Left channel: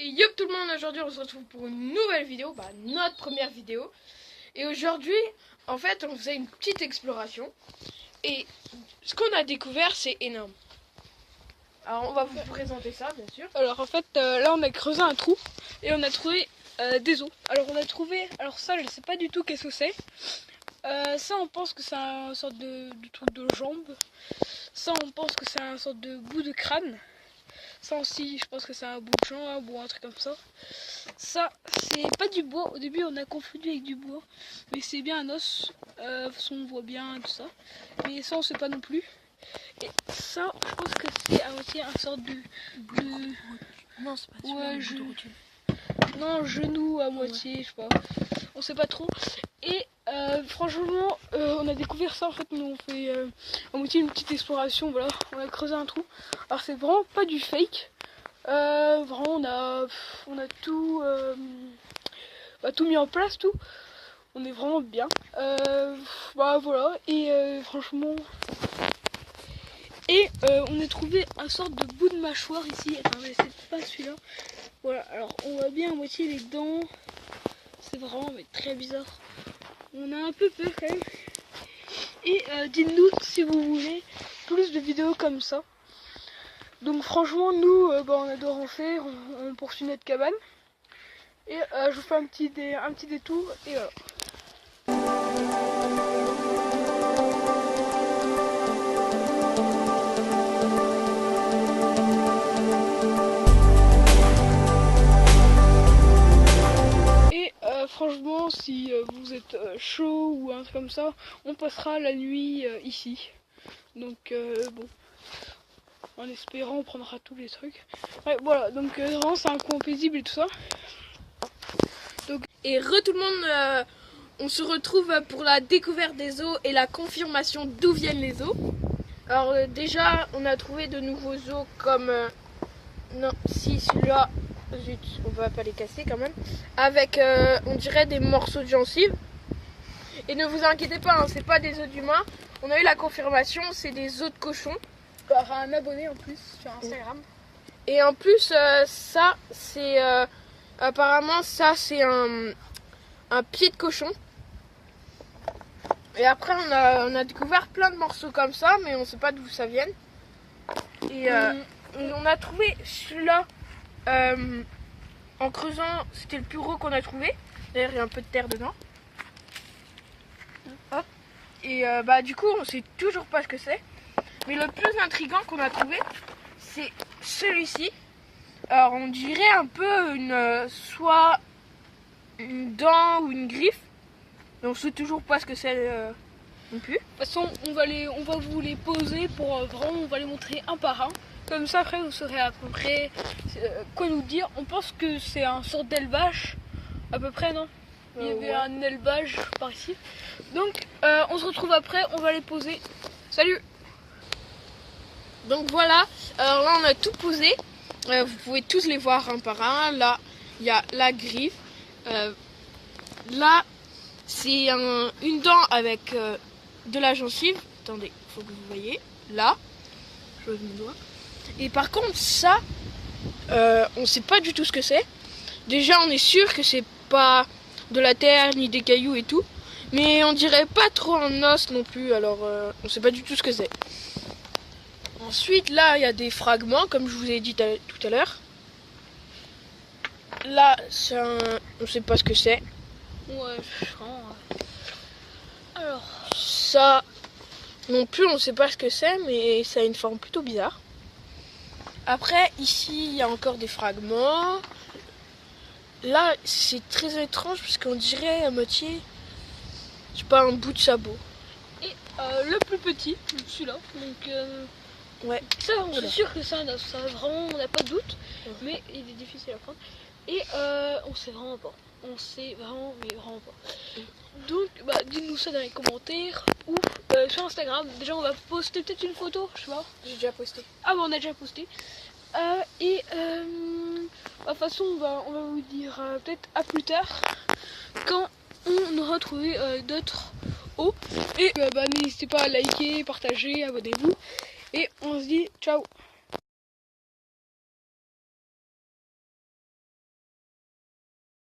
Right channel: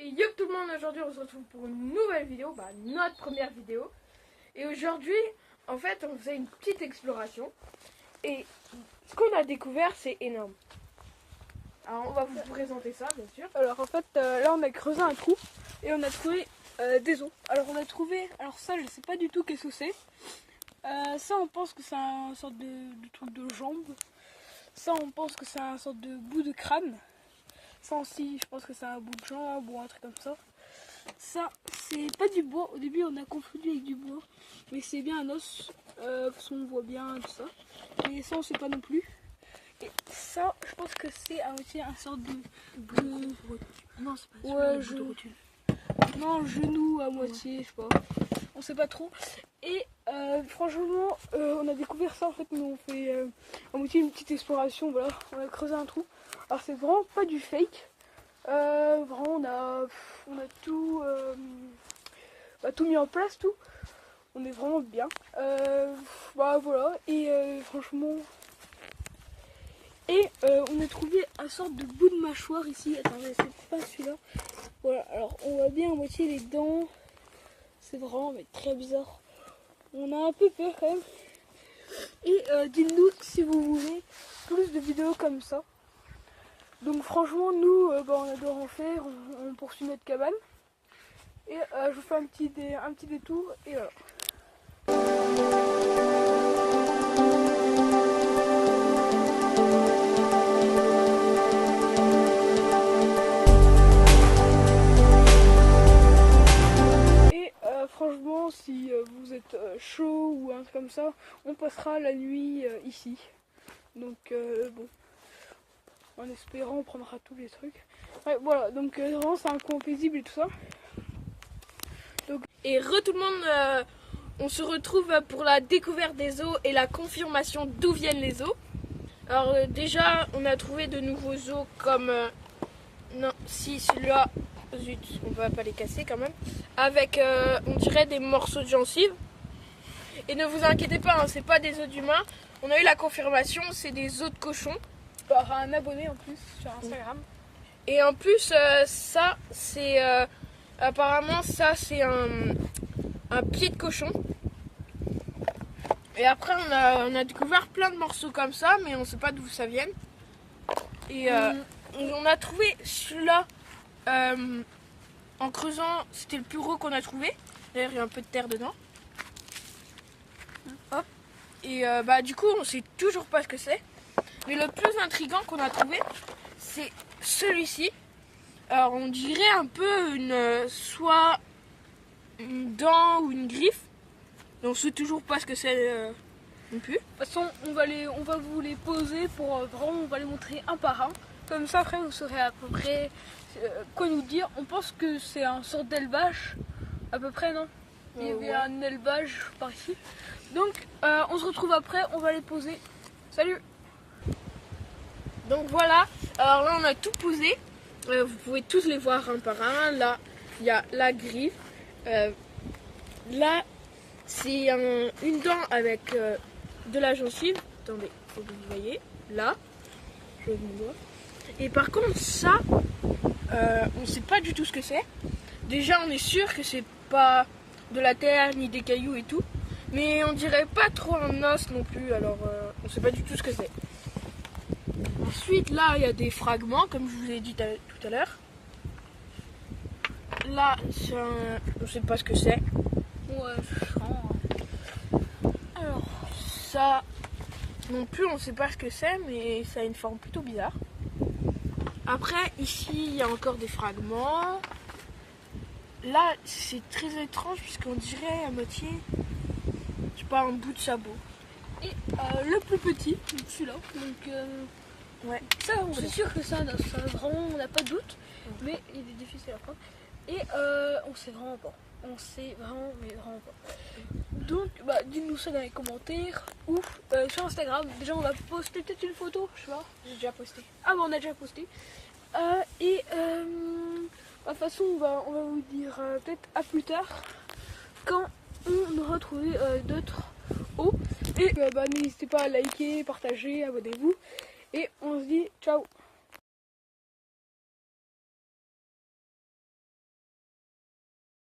Et yo tout le monde, aujourd'hui on se retrouve pour une nouvelle vidéo, notre première vidéo. Et aujourd'hui, en fait, on faisait une petite exploration. Et ce qu'on a découvert, c'est énorme. Alors on va vous présenter ça, bien sûr. Alors en fait, là on a creusé un trou et on a trouvé des os. Alors on a trouvé, alors ça je sais pas du tout qu'est-ce que c'est. Ça on pense que c'est un sorte de truc de jambe. Ça on pense que c'est un sorte de bout de crâne. Ça aussi je pense que c'est un bout de jambe ou un truc comme ça. Ça c'est pas du bois, au début on a confondu avec du bois. Mais c'est bien un os, de toute façon on voit bien tout ça. Mais ça on sait pas non plus. Et ça je pense que c'est à moitié un sorte de... Non, c'est pas ouais, non, genou à moitié, je sais pas. On sait pas trop. Et franchement, on a découvert ça en fait. Nous on fait à moitié une petite exploration. Voilà, on a creusé un trou. Alors c'est vraiment pas du fake. Vraiment, on a tout, tout mis en place, tout. On est vraiment bien. Voilà. Et franchement. Et on a trouvé un sorte de bout de mâchoire ici. Attendez, c'est pas celui-là. Voilà, alors on voit bien à moitié les dents. C'est vraiment très bizarre. On a un peu peur quand même. Et dites-nous si vous voulez plus de vidéos comme ça. Donc franchement, nous, on adore en faire. On poursuit notre cabane. Et je vous fais un petit détour. Et voilà. Franchement, si vous êtes chaud ou un truc comme ça, on passera la nuit ici. Donc bon, en espérant on prendra tous les trucs. Ouais, voilà, donc vraiment c'est un coin paisible et tout ça. Donc, et tout le monde, on se retrouve pour la découverte des os et la confirmation d'où viennent les os. Alors déjà, on a trouvé de nouveaux os comme... non, si celui-là... Zut, on va pas les casser quand même. Avec, on dirait des morceaux de gencives. Et ne vous inquiétez pas, hein, c'est pas des os d'humains. On a eu la confirmation, c'est des os de cochon. Par un abonné en plus sur Instagram. Et en plus, ça, c'est... apparemment, ça, c'est un pied de cochon. Et après, on a découvert plein de morceaux comme ça, mais on sait pas d'où ça vient. Et on a trouvé celui-là... en creusant, c'était le plus gros qu'on a trouvé. D'ailleurs, il y a un peu de terre dedans. Hop. Et du coup, on sait toujours pas ce que c'est. Mais le plus intriguant qu'on a trouvé, c'est celui-ci. Alors, on dirait un peu soit une dent ou une griffe. Mais on sait toujours pas ce que c'est non plus. De toute façon, on va vous les poser pour vraiment, on va les montrer un par un. Comme ça, après, vous saurez à peu près quoi nous dire. On pense que c'est un sort d'élevage, à peu près, non? Il y avait un élevage par ici. Donc, on se retrouve après, on va les poser. Salut! Donc voilà, alors là, on a tout posé. Vous pouvez tous les voir un par un. Là, il y a la griffe. Là, c'est une dent avec de la gencive. Attendez, il faut que vous voyez. Là, je me dois. Et par contre, ça, on sait pas du tout ce que c'est. Déjà, on est sûr que c'est pas de la terre ni des cailloux et tout. Mais on dirait pas trop un os non plus. Alors, on sait pas du tout ce que c'est. Ensuite, là, il y a des fragments, comme je vous ai dit tout à l'heure. Là, on sait pas ce que c'est. Ouais, alors, ça non plus, on sait pas ce que c'est, mais ça a une forme plutôt bizarre. Après, ici, il y a encore des fragments. Là, c'est très étrange, puisqu'on dirait à moitié, je sais pas, un bout de sabot. Et le plus petit, celui-là, donc... ouais. Ça, on est sûr que ça vraiment, on n'a pas de doute, mais il est difficile à prendre. Et on sait vraiment pas. On sait vraiment, mais vraiment pas. Donc, dites-nous ça dans les commentaires ou sur Instagram. Déjà, on va poster peut-être une photo, je sais pas. J'ai déjà posté. Ah, on a déjà posté. Et de toute façon, on va vous dire peut-être à plus tard quand on aura trouvé d'autres os. Et n'hésitez pas à liker, partager, abonnez-vous. Et on se dit ciao.